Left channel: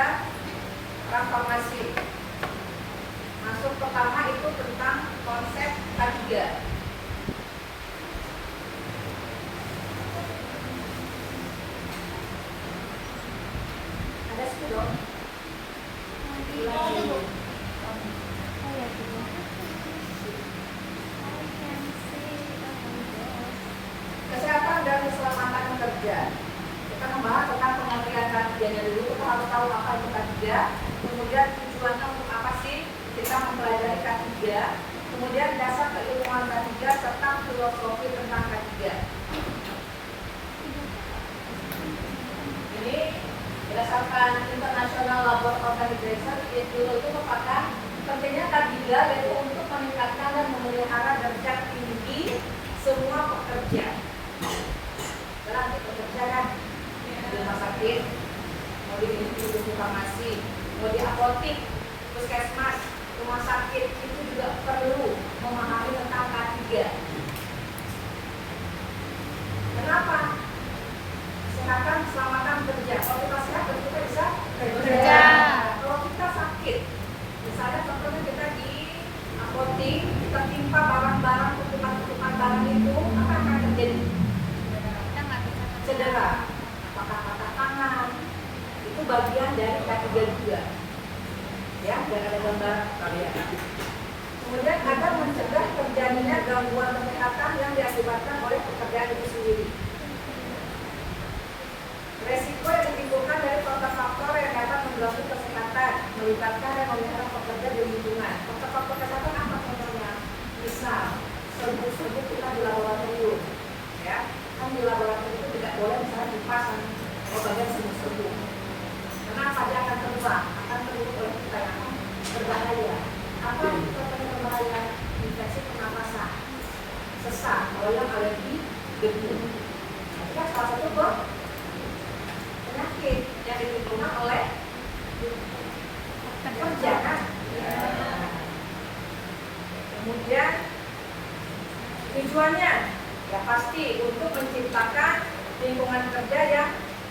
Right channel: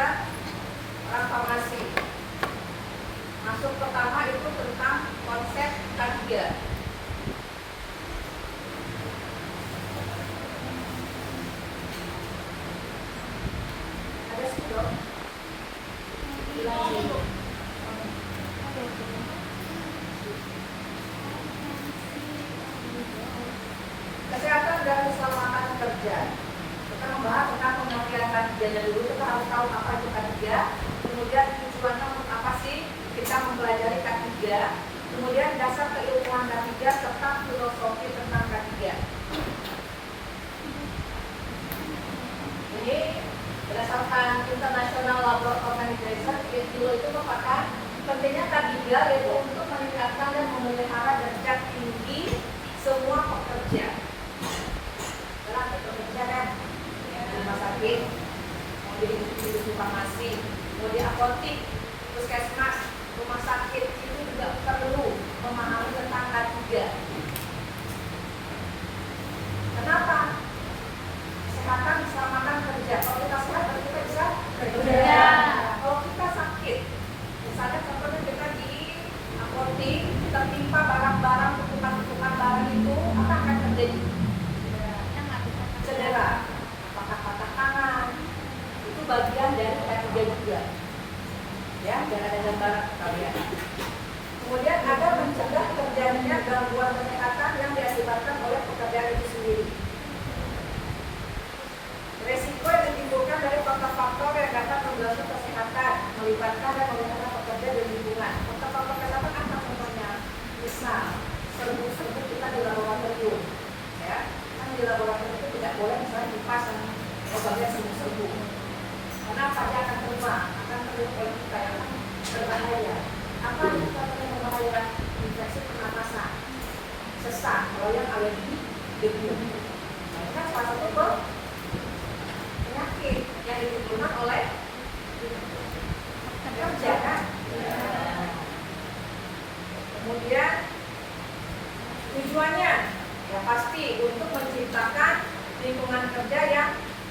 ada transformasi. Masuk pertama itu tentang konsep K3. Ada sepuluh. Kesehatan dan keselamatan kerja. Kita membahas tentang pengertian K3-nya dulu. Kita harus tahu apa itu K3. Kemudian tujuannya untuk apa sih kita mempelajari K3. Kemudian dasar keilmuan K3 serta filosofi tentang K3. Ini berdasarkan International Labour Organization, ILO itu merupakan pentingnya K3 yaitu untuk meningkatkan dan memelihara derajat tinggi semua pekerja. Berarti pekerja kan di rumah sakit, mau di industri farmasi, mau di apotik, puskesmas, rumah sakit itu juga perlu memahami tentang K3. Kenapa? Kesehatan, keselamatan kerja. Kalau kita sehat, berarti kita bisa kerja. Kalau kita sakit, misalnya contohnya kita di apotik, kita timpa barang-barang, tumpukan barang itu, apa akan terjadi? Cedera, patah tangan, itu bagian dari K3 juga. Ya, jangan ada gambar kalian. Kemudian agar mencegah terjadinya gangguan kesehatan yang diakibatkan oleh pekerjaan itu sendiri. Resiko yang ditimbulkan dari faktor-faktor yang dapat mengganggu kesehatan, melibatkan dan memelihara pekerja di lingkungan. Faktor-faktor kesehatan apa contohnya? Misal, serbuk-serbuk kita di laboratorium, ya, kan di laboratorium itu tidak boleh misalnya dipasang bagian serbuk-serbuk. Kenapa dia akan terbang oleh kita yang berbahaya? Apa yang kita membahayakan? Infeksi pernapasan, sesak, kalau yang alergi debu. Nah, itu kan salah satu penyakit yang ditimbulkan oleh kerja kan? Kemudian tujuannya ya pasti untuk menciptakan lingkungan kerja yang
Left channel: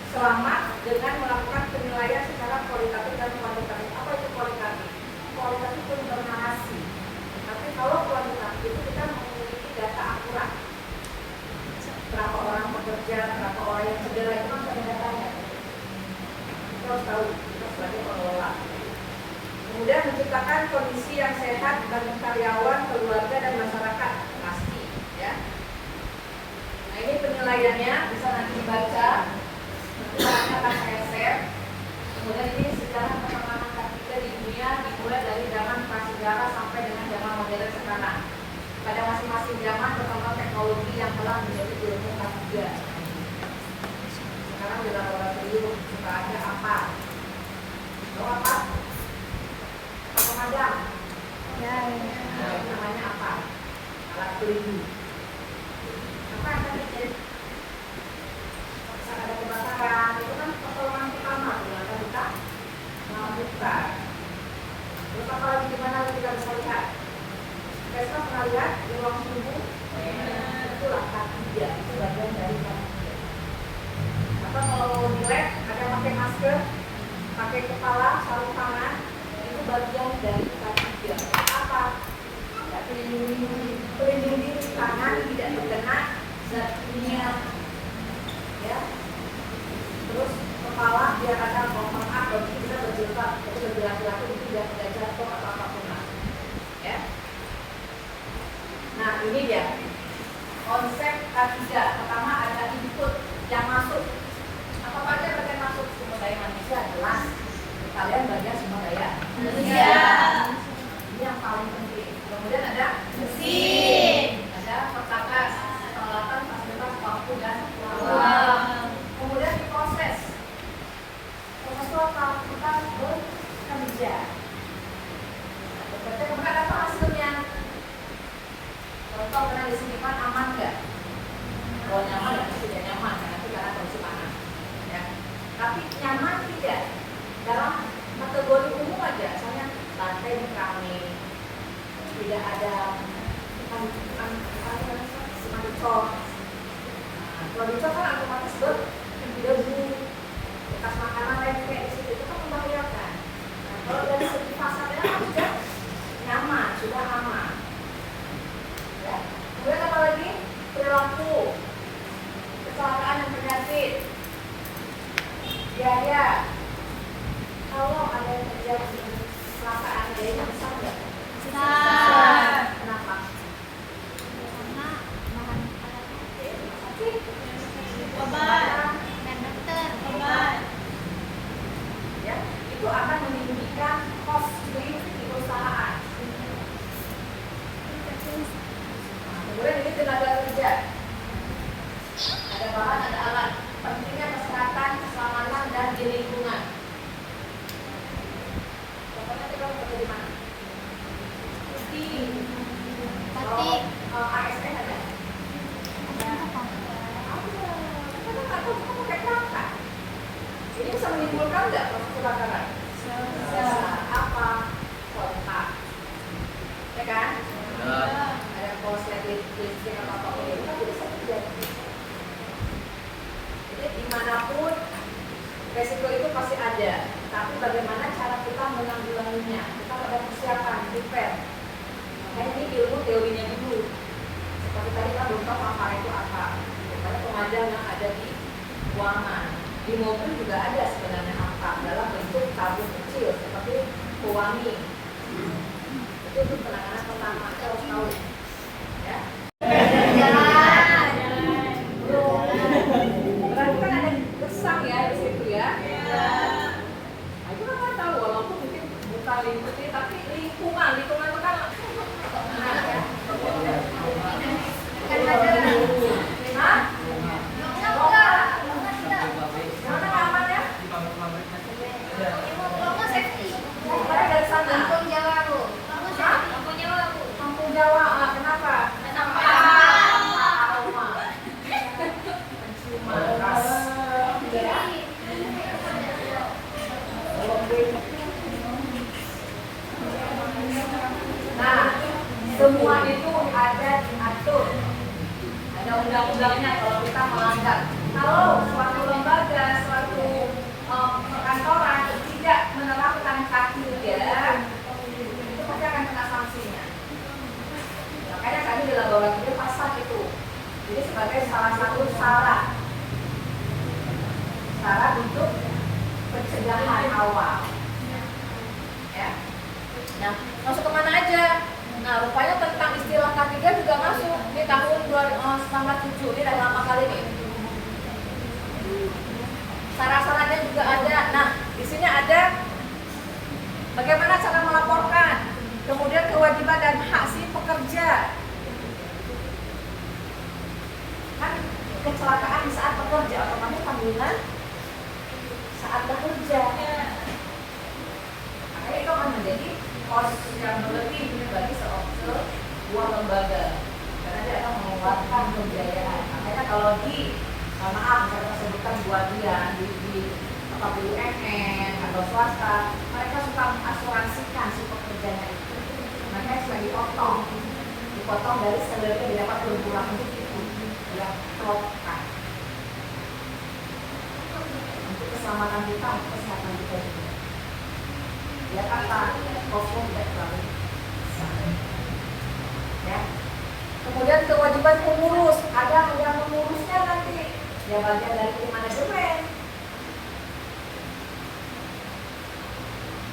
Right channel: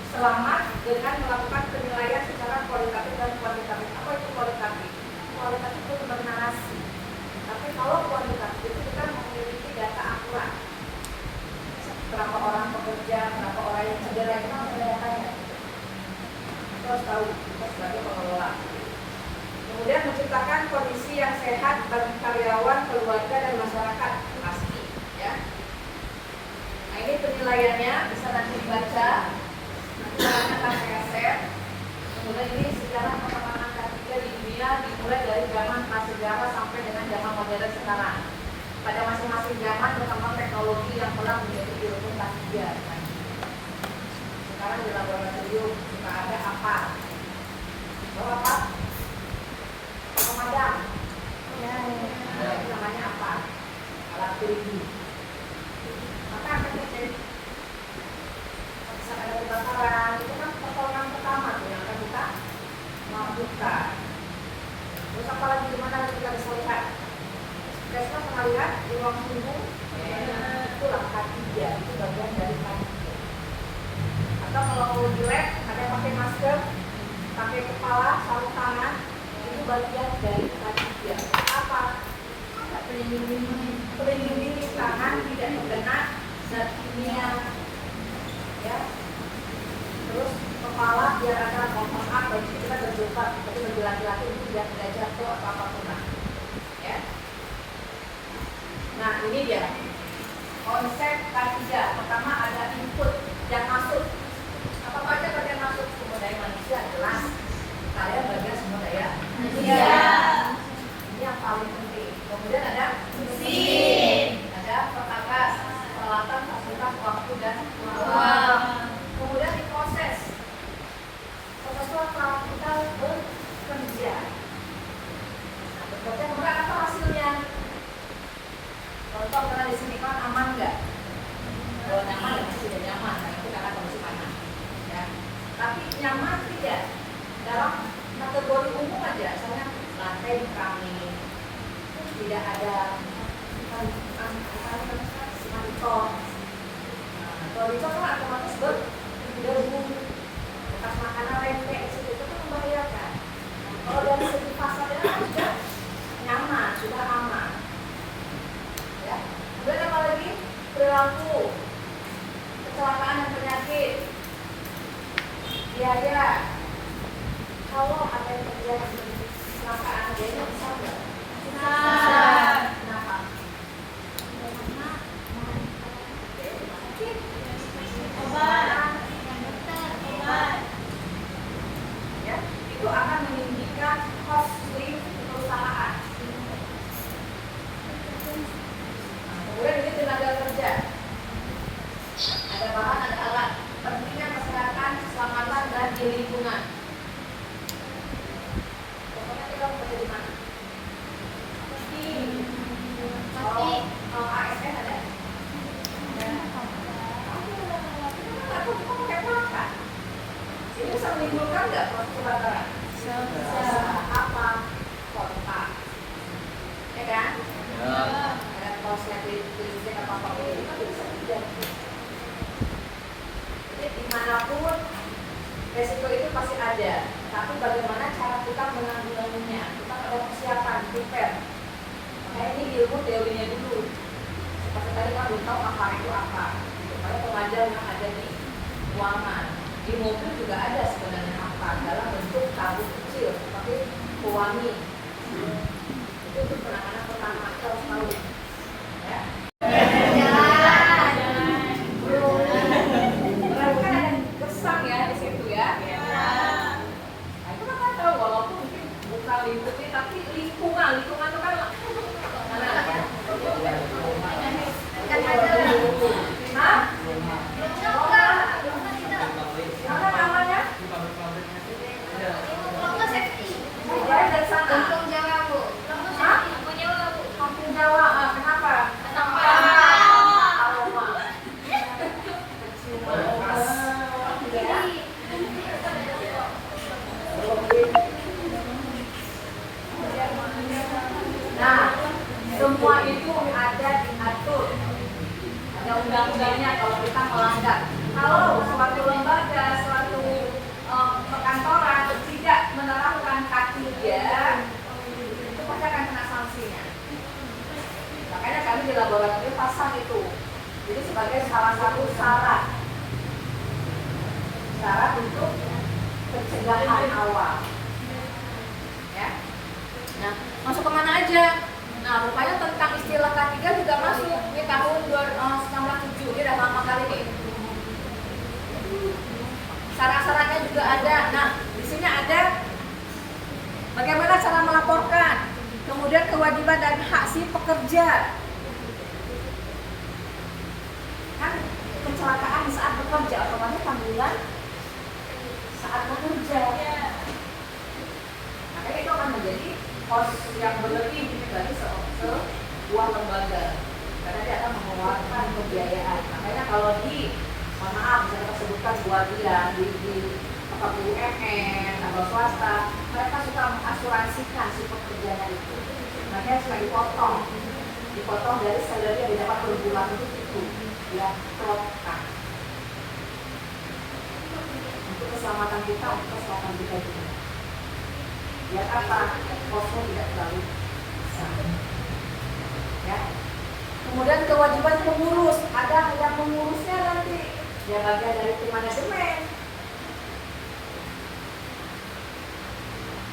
selamat dengan melakukan penilaian secara kualitatif dan kuantitatif. Apa itu kualitatif? Kualitatif itu bernarasi. Tapi kalau kuantitatif itu kita memiliki data akurat. Berapa orang pekerja, berapa orang yang cedera itu kan ada datanya. Kita harus tahu kita sebagai pengelola. Kemudian menciptakan kondisi yang sehat bagi karyawan, keluarga dan masyarakat pasti, ya. Nah ini penilaiannya bisa nanti dibaca. Nanti akan saya share. Kemudian ini sejarah perkembangan K3 di dunia dimulai dari zaman prasejarah sampai dengan zaman modern sekarang. Pada masing-masing zaman berkembang teknologi yang telah menjadi ilmu K3. Sekarang di laboratorium suka ada apa? Tahu apa? Pemadam. Ya. Nah, itu namanya apa? Alat pelindung. Apa yang terjadi? Bisa ada kebakaran, itu kan pertolongan pertama yang akan kita lakukan. Terus apa lagi gimana kita bisa lihat? Kita pernah lihat di ruang tunggu? Itulah K3, itu bagian dari K3. Atau kalau di lab ada pakai masker, pakai kepala, sarung tangan, itu bagian dari K3. Apa? Pelindung diri tangan tidak terkena zat kimia, ya. Terus kepala biar ada kompang kalau kita berjilbab, tapi bagi laki-laki itu biar tidak jatuh atau apapun lah, ya. Nah ini dia konsep K3. Pertama ada input yang masuk. Apa aja bagian masuk? Sumber daya manusia jelas. Kalian bagian sumber daya manusia. Ini yang paling penting. Kemudian ada mesin, ada perkakas, peralatan, fasilitas, waktu dan uang. Kemudian diproses. Proses kalau kita bekerja. Nah, bekerja kemudian apa hasilnya? Contoh pernah di sini kan aman nggak? Kalau nyaman berarti tidak nyaman, nanti karena kondisi panas. Ya. Tapi nyaman tidak? Dalam kategori umum aja, misalnya lantai dikeramik, tidak ada cuma dicor. Kalau dicor kan otomatis berdebu, bekas makanan tempe di situ itu kan membahayakan. Adanya besar nggak? Besar. Kenapa? Ya, itu akan meninggikan cost di perusahaan. Kemudian ini tenaga kerja. Ada bahan, ada alat. Pentingnya kesehatan, keselamatan, dan di lingkungan. Pokoknya kita harus kerja di mana? Kalau ASN ada? Ya. Kita kan nggak tahu kita pakai kata. Ini bisa menimbulkan nggak proses kebakaran? Apa? Kontak. Ya kan? Ada korslet listrik atau apa itu kan bisa terjadi. Jadi dimanapun resiko itu pasti ada. Tapi bagaimana cara kita menanggulanginya? Kita ada persiapan, prepare. Makanya ini ilmu teorinya dulu. Seperti tadi kan belum tahu makar itu apa. Karena pengajar yang ada di ruangan. Di mobil juga ada sebenarnya apa dalam bentuk tabung kecil seperti pewangi. Itu untuk penanganan pertama kita harus tahu. Ya. Berarti kan ada kesan ya di situ ya. Nah, itu kan tahu walaupun mungkin bukan lingkupnya tapi lingkungan itu kan semua itu ada diatur, ada undang-undangnya kalau kita melanggar. Kalau suatu lembaga, suatu perkantoran tidak menerapkan K3, itu pasti akan kena sanksinya. Makanya kami di laboratorium pasang itu, jadi sebagai salah satu syarat untuk pencegahan awal. Ya. Nah, masuk kemana aja? Nah, rupanya tentang istilah K3 juga masuk di tahun 2007, ini udah lama kali nih. Syarat-syaratnya juga ada. Nah, di sini ada bagaimana cara melaporkan, kemudian kewajiban dan hak si pekerja. Kan kecelakaan saat bekerja, kamu tanggungan saat bekerja. Makanya itu akan menjadi kos yang berlebih bagi sebuah lembaga karena dia akan mengeluarkan pembiayaan. Makanya kalau di maaf saya sebutkan buat dia di BUMN atau swasta, mereka suka mengasuransikan si pekerjanya itu. Makanya suka dipotong dari salary yang didapat per bulan itu ya plotkan untuk keselamatan kita, untuk kesehatan kita juga. Ya apa? Kosnya tidak terlalu besar. Ya. Kemudian kewajiban pengurus, ada pengurusnya nanti. Ya bagian dari tim manajemen.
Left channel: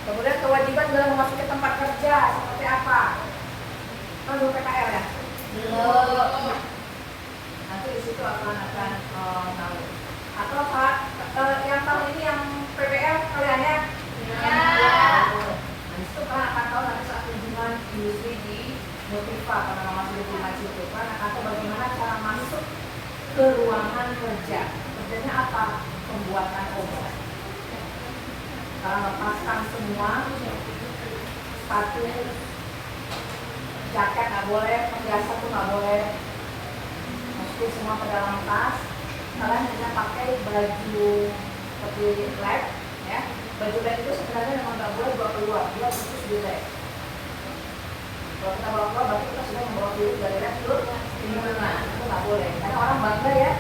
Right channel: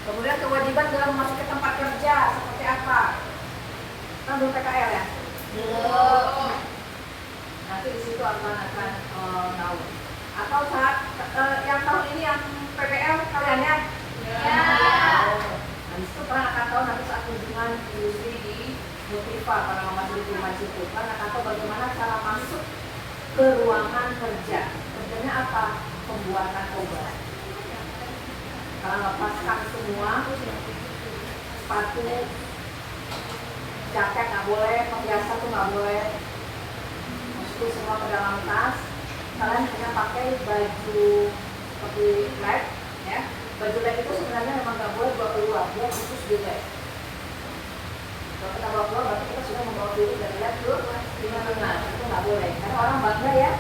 Kemudian kewajiban dalam memasuki tempat kerja seperti apa? Kan belum PKL ya? Belum. Nanti di situ akan tahu. Atau saat yang tahun ini yang PPL kalian ya? Ya. Nah, itu kan akan tahu nanti saat kunjungan industri di Motiva pada nama Motiva itu kan akan tahu bagaimana cara masuk ke ruangan kerja. Kerjanya apa? Pembuatan obat. Kalau lepaskan semua sepatu, jaket nggak boleh, perhiasan tuh nggak boleh, masukin semua ke dalam tas. Kalian hanya pakai baju seperti lab, ya. Baju lab itu sebenarnya memang nggak boleh dibawa keluar, dia khusus di lab. Kalau kita bawa keluar berarti kita sudah membawa diri dari lab ke dunia luar, itu nggak boleh. Karena orang bangga ya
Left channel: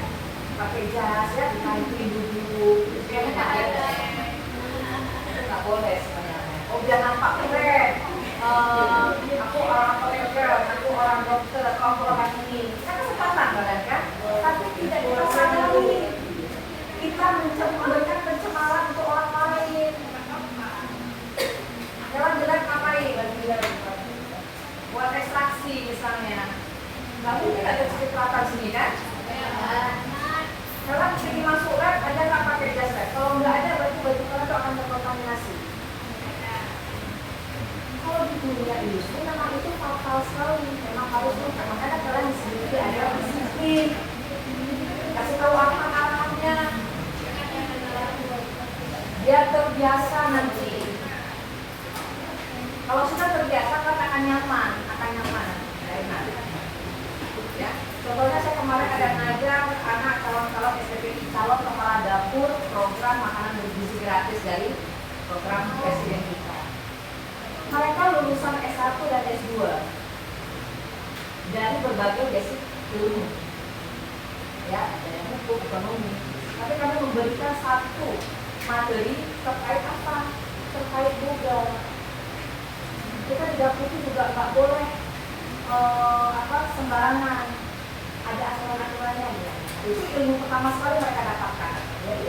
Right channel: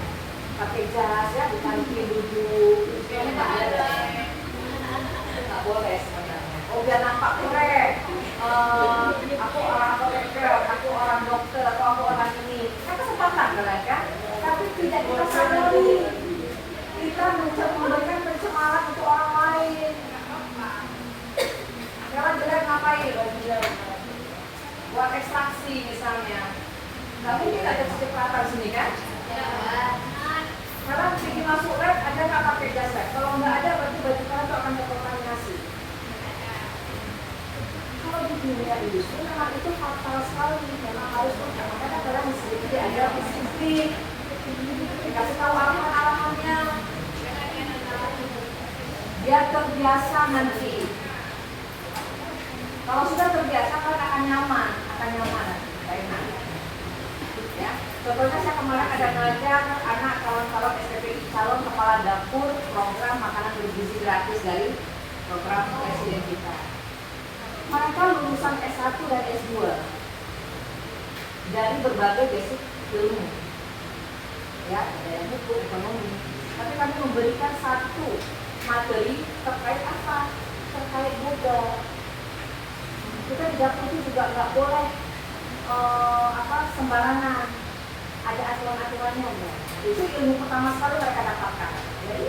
pakai jas ya, di kantin duduk, kayaknya nggak ada. Nggak boleh sebenarnya. Oh biar nampak keren. Aku orang pekerja, aku orang dokter, atau aku orang ini. Kan kesempatan kalian kan? Tapi tidak kita sadari. Kita memberikan pencemaran untuk orang lain. Jalan jelek ngapain? terkontaminasi? Kalau di dunia industri memang itu fatal sekali, memang harus makanya kalian di sini ada disiplin. Kasih tahu apa arahannya, biar terbiasa nanti. Kalau sudah terbiasa kan akan nyaman, ya. Contohnya saya kemarin ada ngajar anak calon-calon SPPI, calon kepala dapur program makanan bergizi gratis dari program presiden kita. Mereka lulusan S1 dan S2 dari berbagai basic ilmu, ya, dari hukum, ekonomi. Tapi kami memberikan satu materi terkait apa? Terkait Google. Kita di dapur itu juga nggak boleh sembarangan, ada aturan-aturannya ya. Itu ilmu pertama sekali mereka dapatkan. Jadi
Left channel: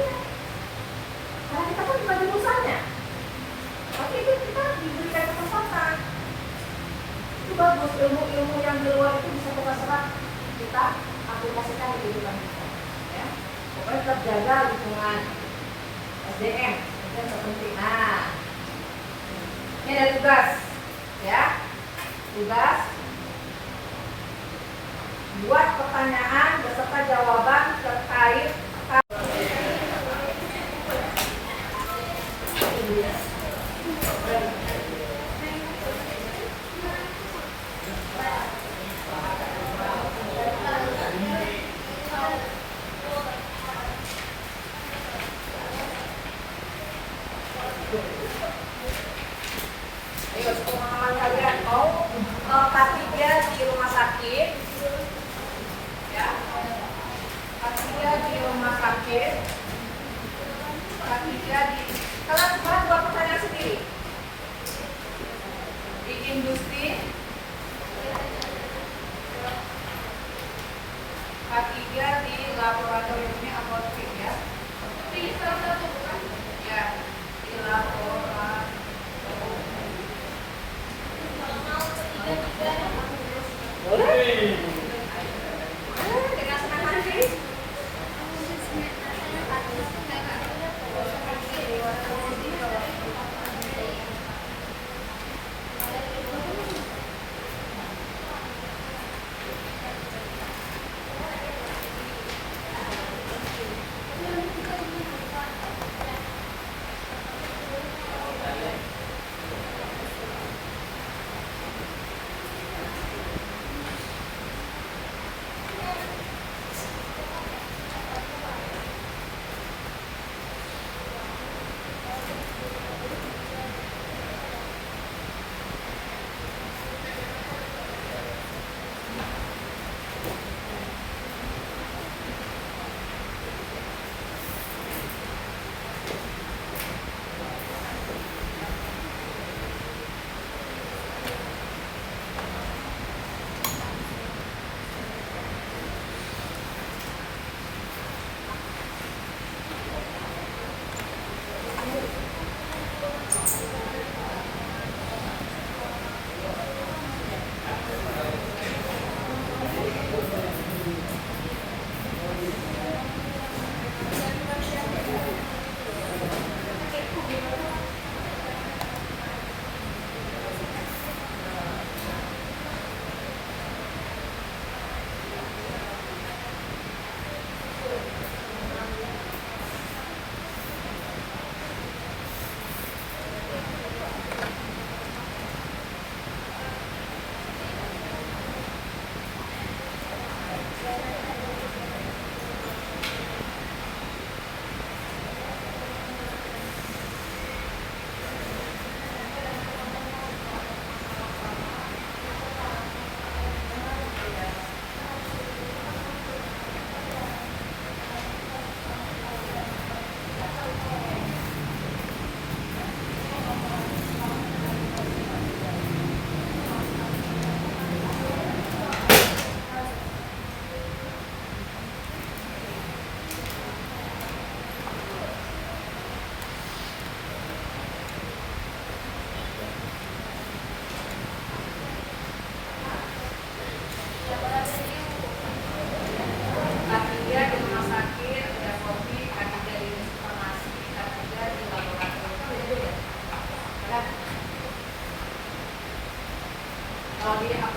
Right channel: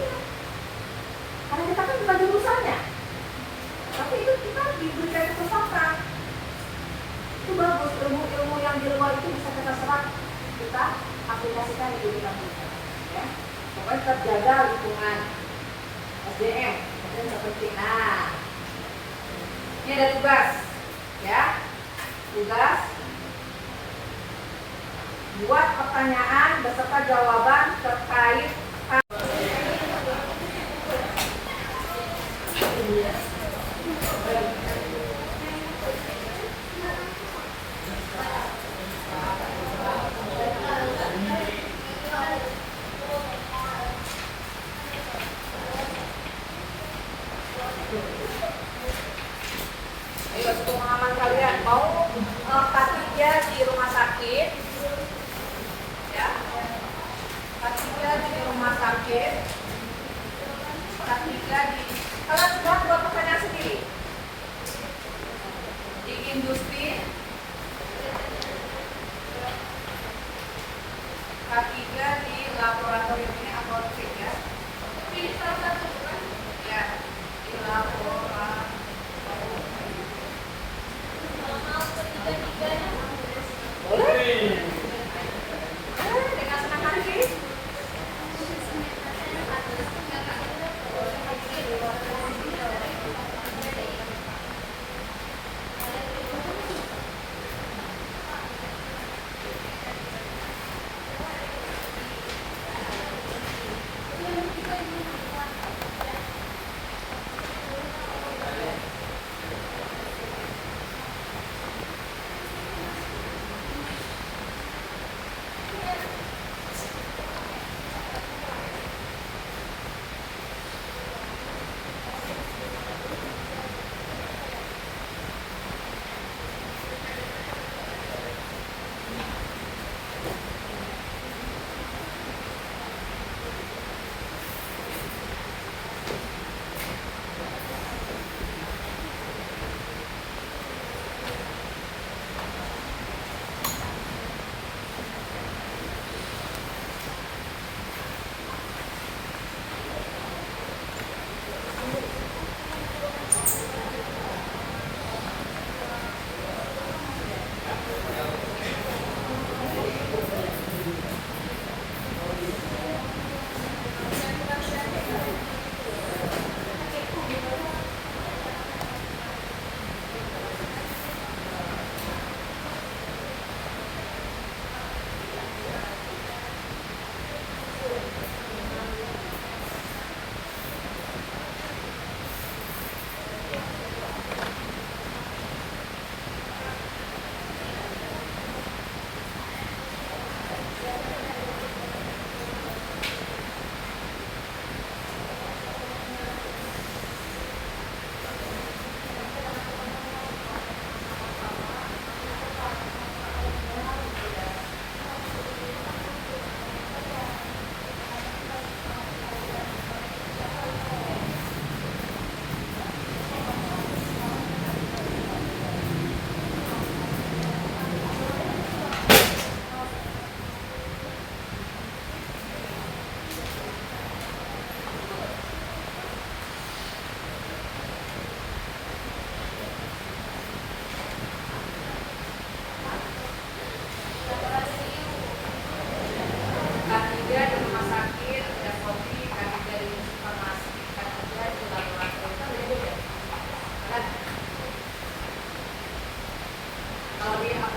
karena kita kan bukan jurusannya, tapi itu kita diberikan kesempatan. Itu bagus, ilmu-ilmu yang di luar itu bisa kita serap, kita aplikasikan di kehidupan kita. Ya, pokoknya terjaga lingkungan SDM itu yang terpenting. Nah, ini ada tugas, ya, tugas. Buat pertanyaan beserta jawaban terkait ayo pengalaman kalian mau K3 di rumah sakit, ya, K3 di rumah sakit, K3 di kalian buat dua pertanyaan sendiri di industri, K3 di laboratorium ini apotek, ya, pilih salah satu kan, ya, di laboratorium. Boleh? Dengan senang hati.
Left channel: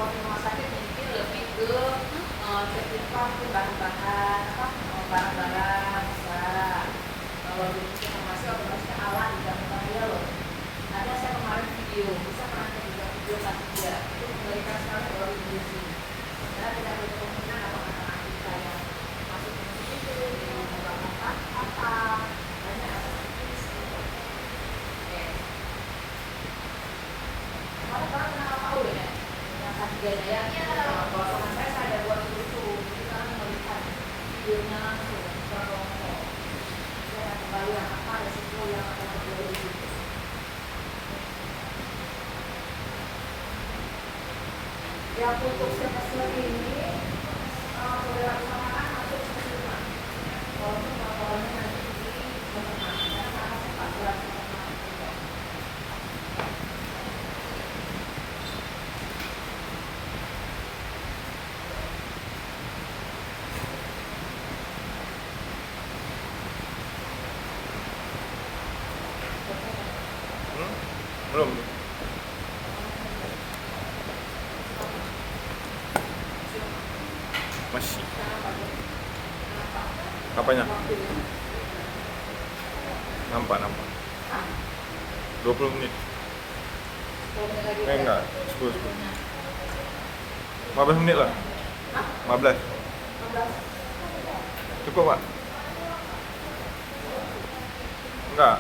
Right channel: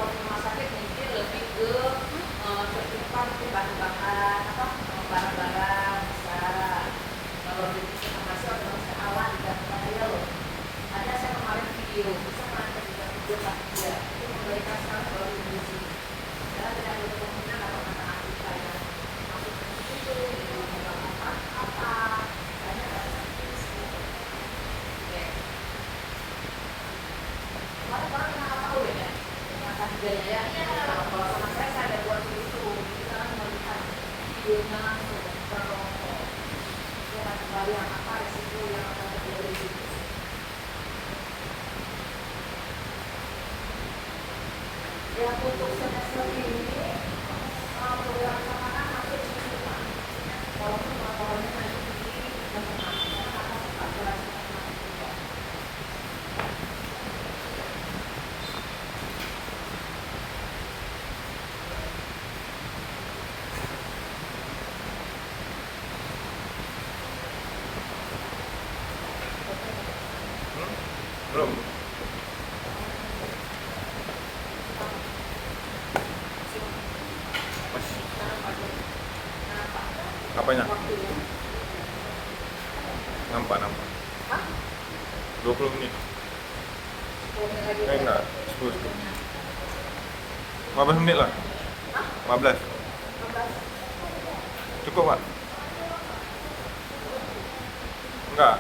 kalau di rumah sakit mungkin lebih ke tertimpa mungkin bahan-bahan apa barang-barang besar. Kalau di informasi otomatis awan di dalam bahaya loh. Ada saya kemarin video bisa kalian juga video dia itu memberikan sekali kalau di Indonesia. Karena tidak ada kemungkinan dapat makanan kita yang masuk ke situ di mendapatkan apa banyak rasa sakit. Mana orang tahu ya yang tadi gaya ya kalau sama saya ada buat itu kita melihat videonya langsung berkelompok itu akan kembali yang apa resiko yang akan terjadi di situ. Yang untuk semester ini boleh laksanakan masuk semester walaupun laporannya nanti di semester karena masih 14 semester. Belum. Yes. Apanya? Nampak. 20 menit. Enggak, 10. 15 menit lah. 15. Cukup, Pak? Enggak.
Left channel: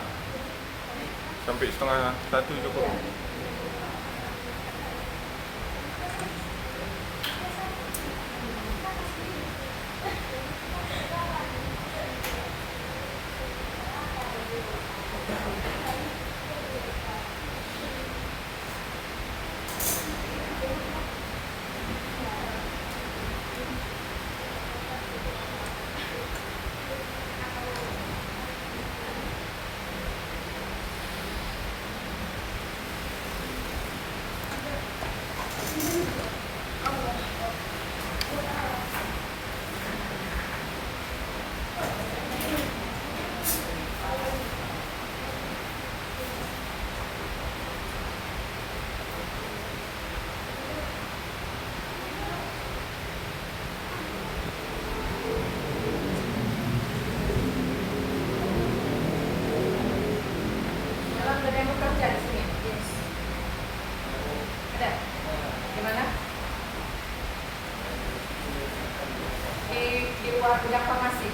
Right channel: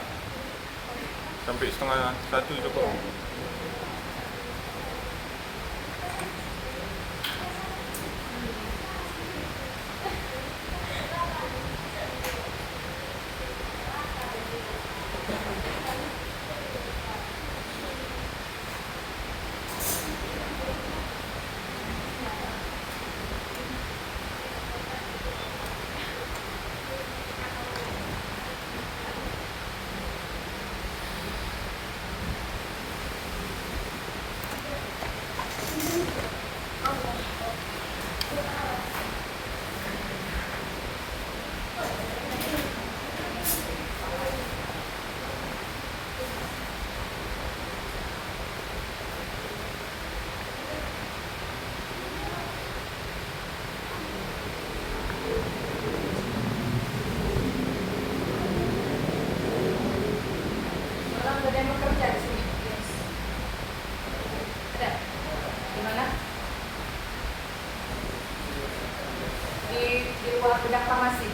Sampai setengah 1 cukup. Di luar bidang farmasi.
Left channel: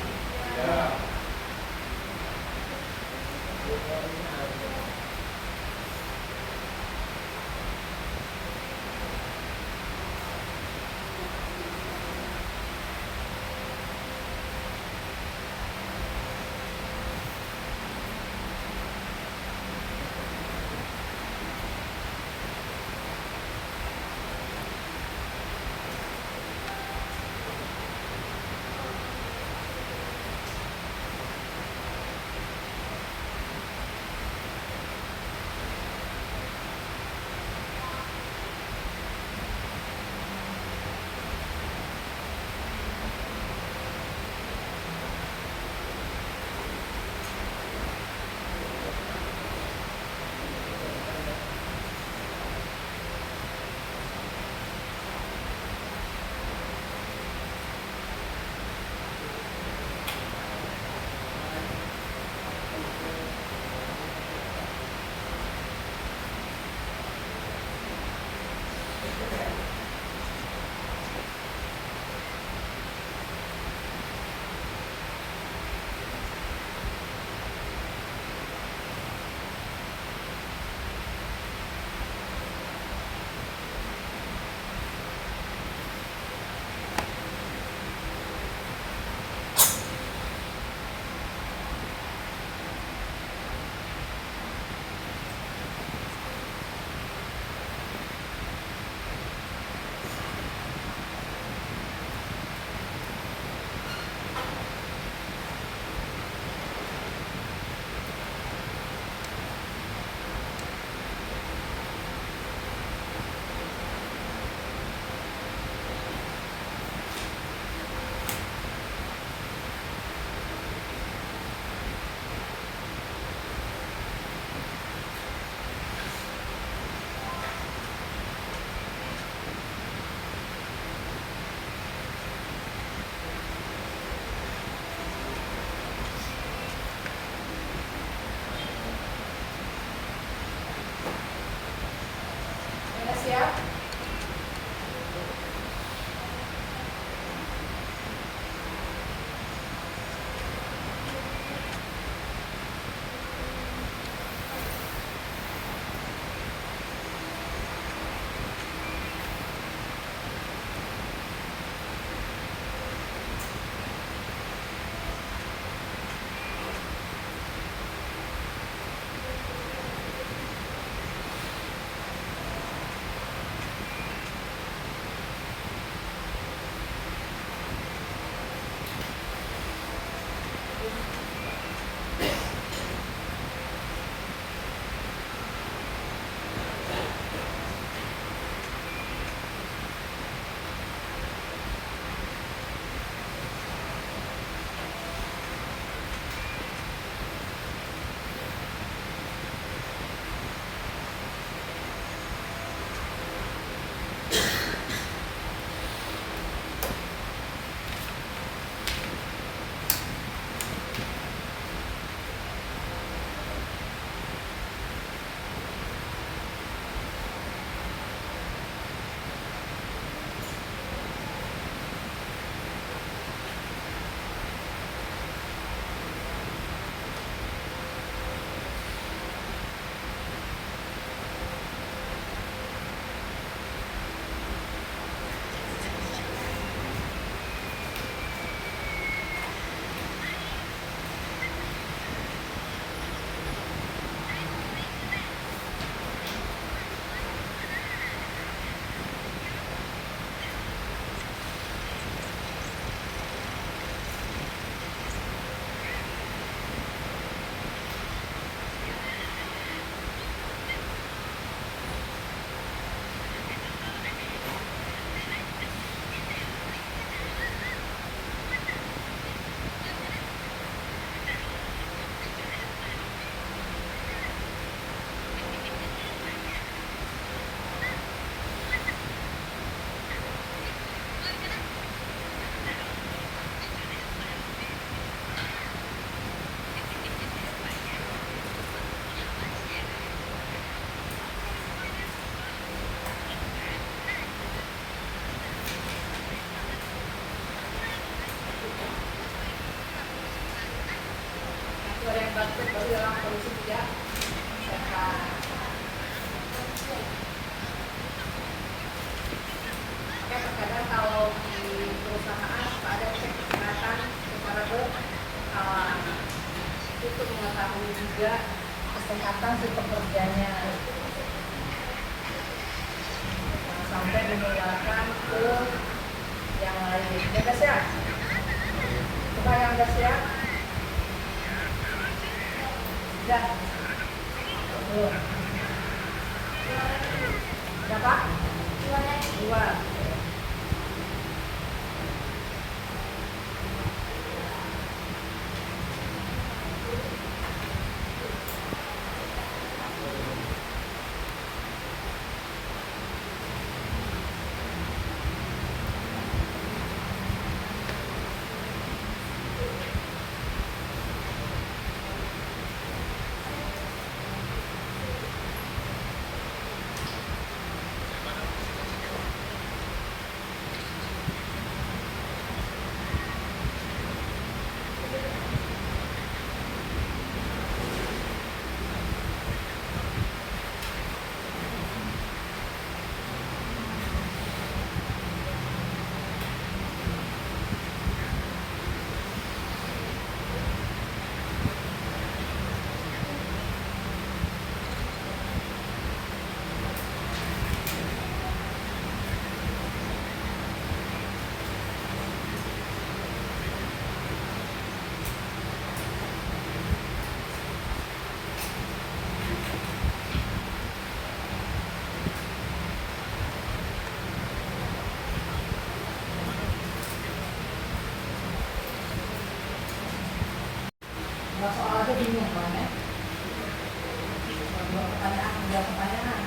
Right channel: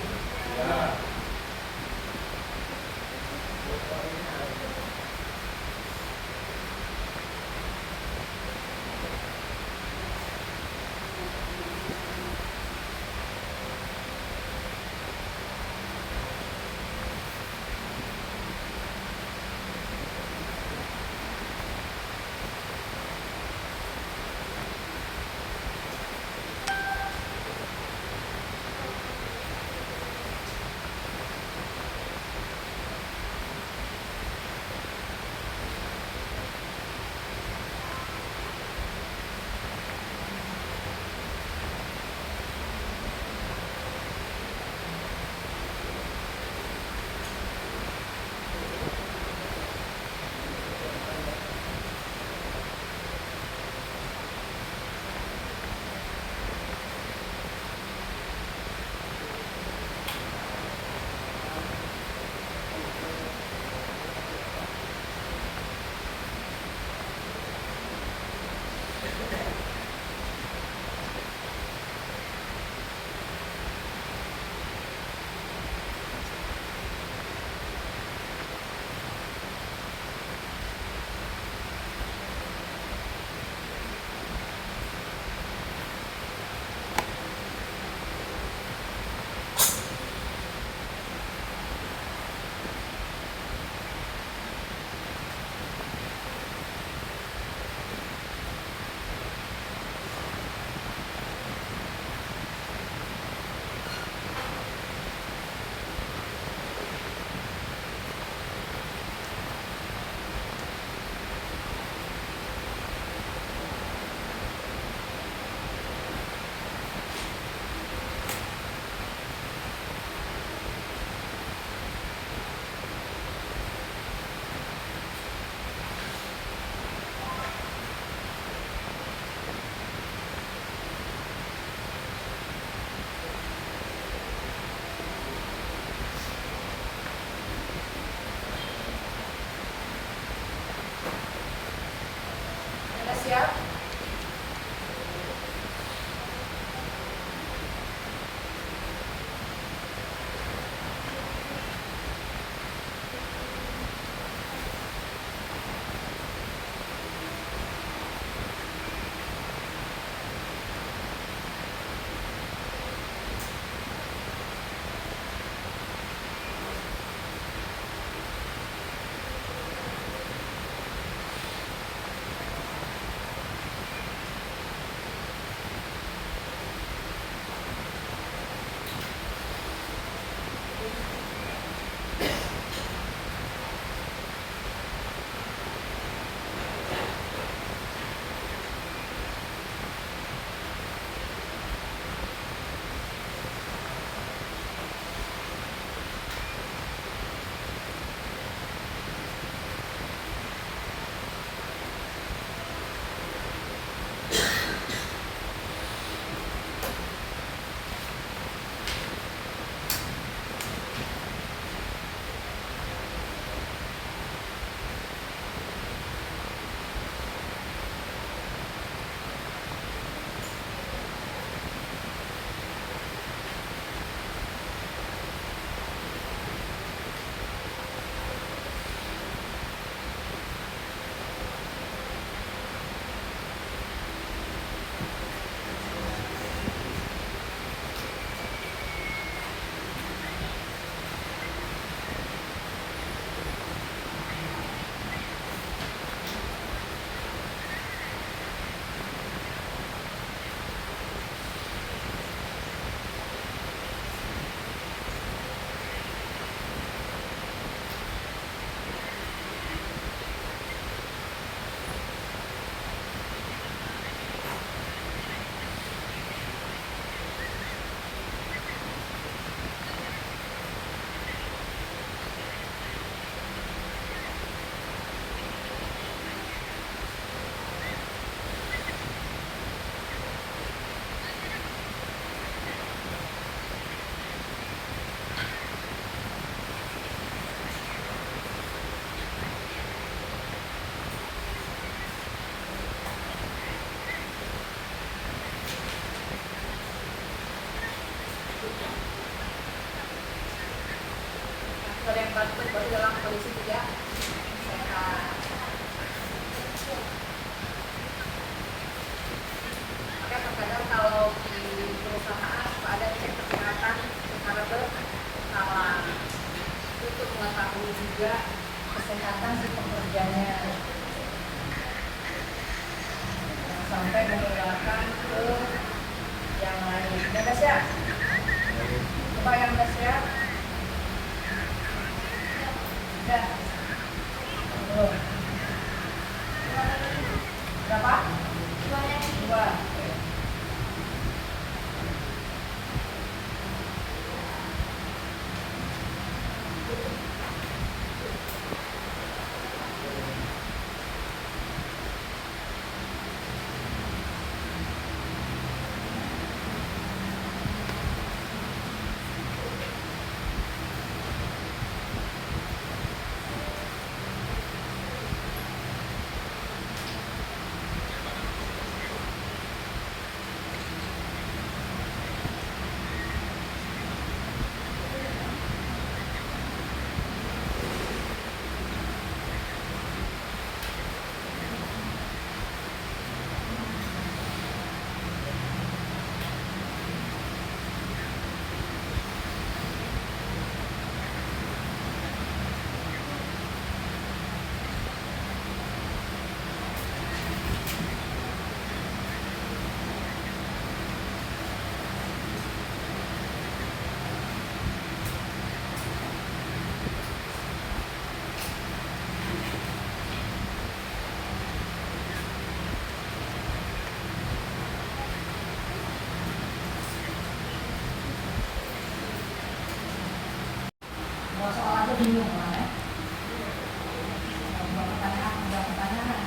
sampai menularkan ke yang lain. Ya guys ya. Coba yang guys ya. Sudah. Belum. Berapa? 2. Nggak soal aja bingung kan ya? Mau pertanyaan, udah pertanyaan.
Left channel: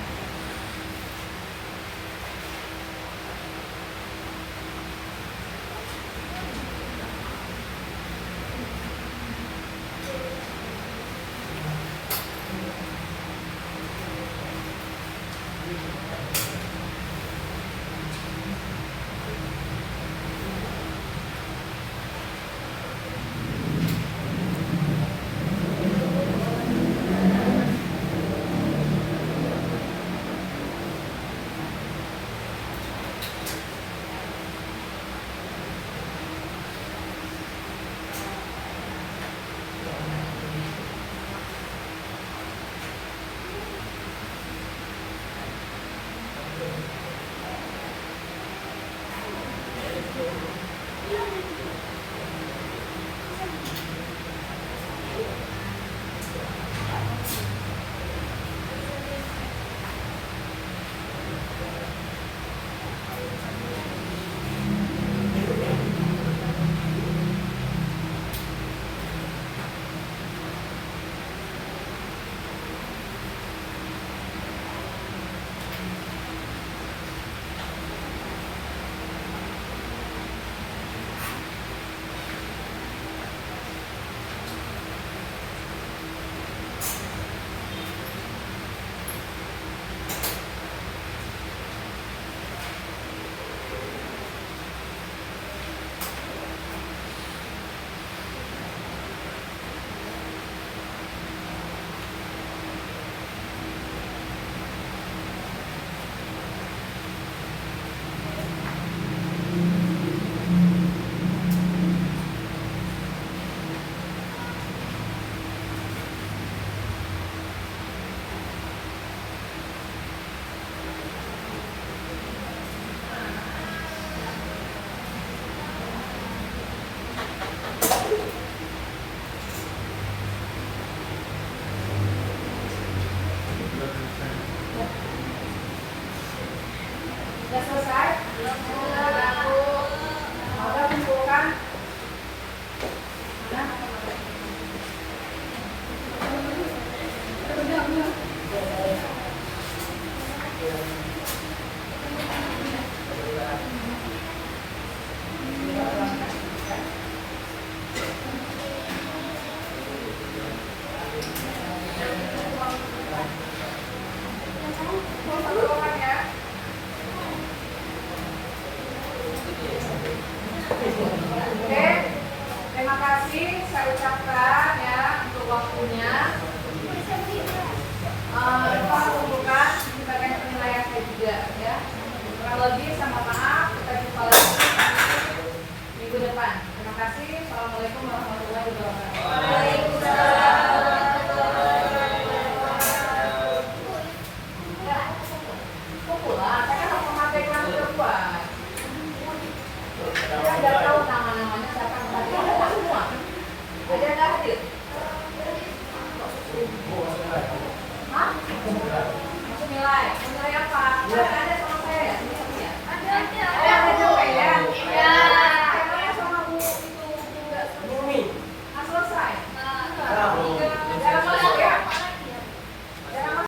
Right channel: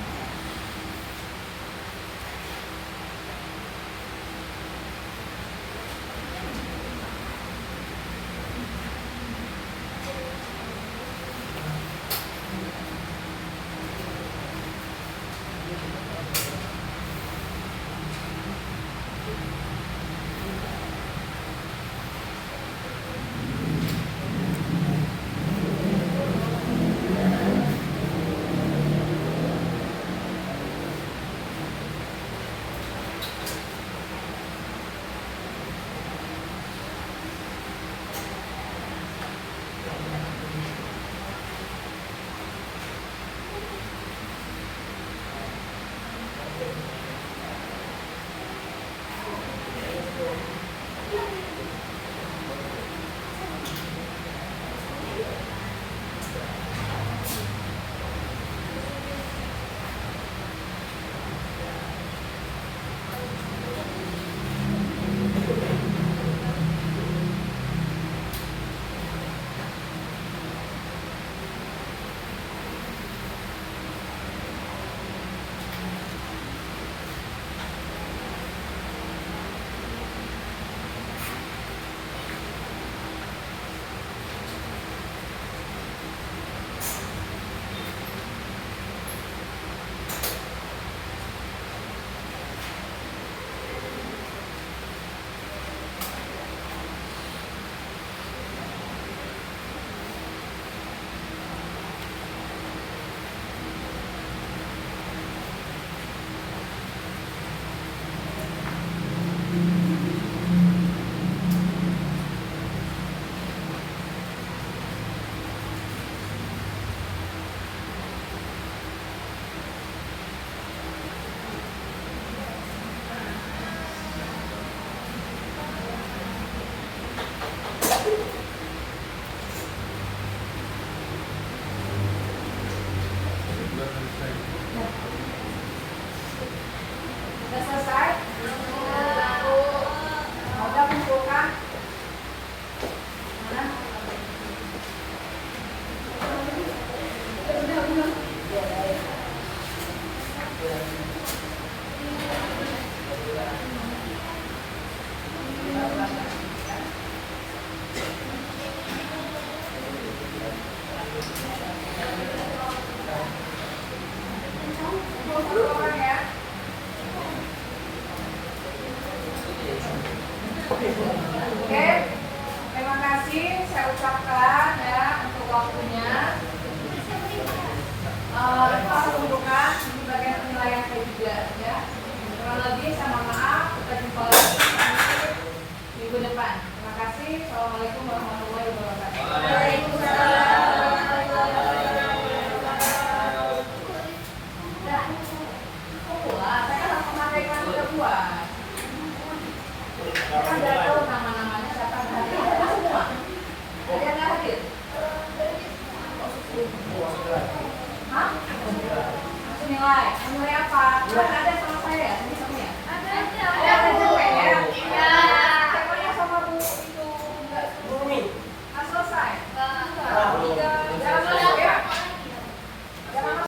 Menilai apa? Kan ada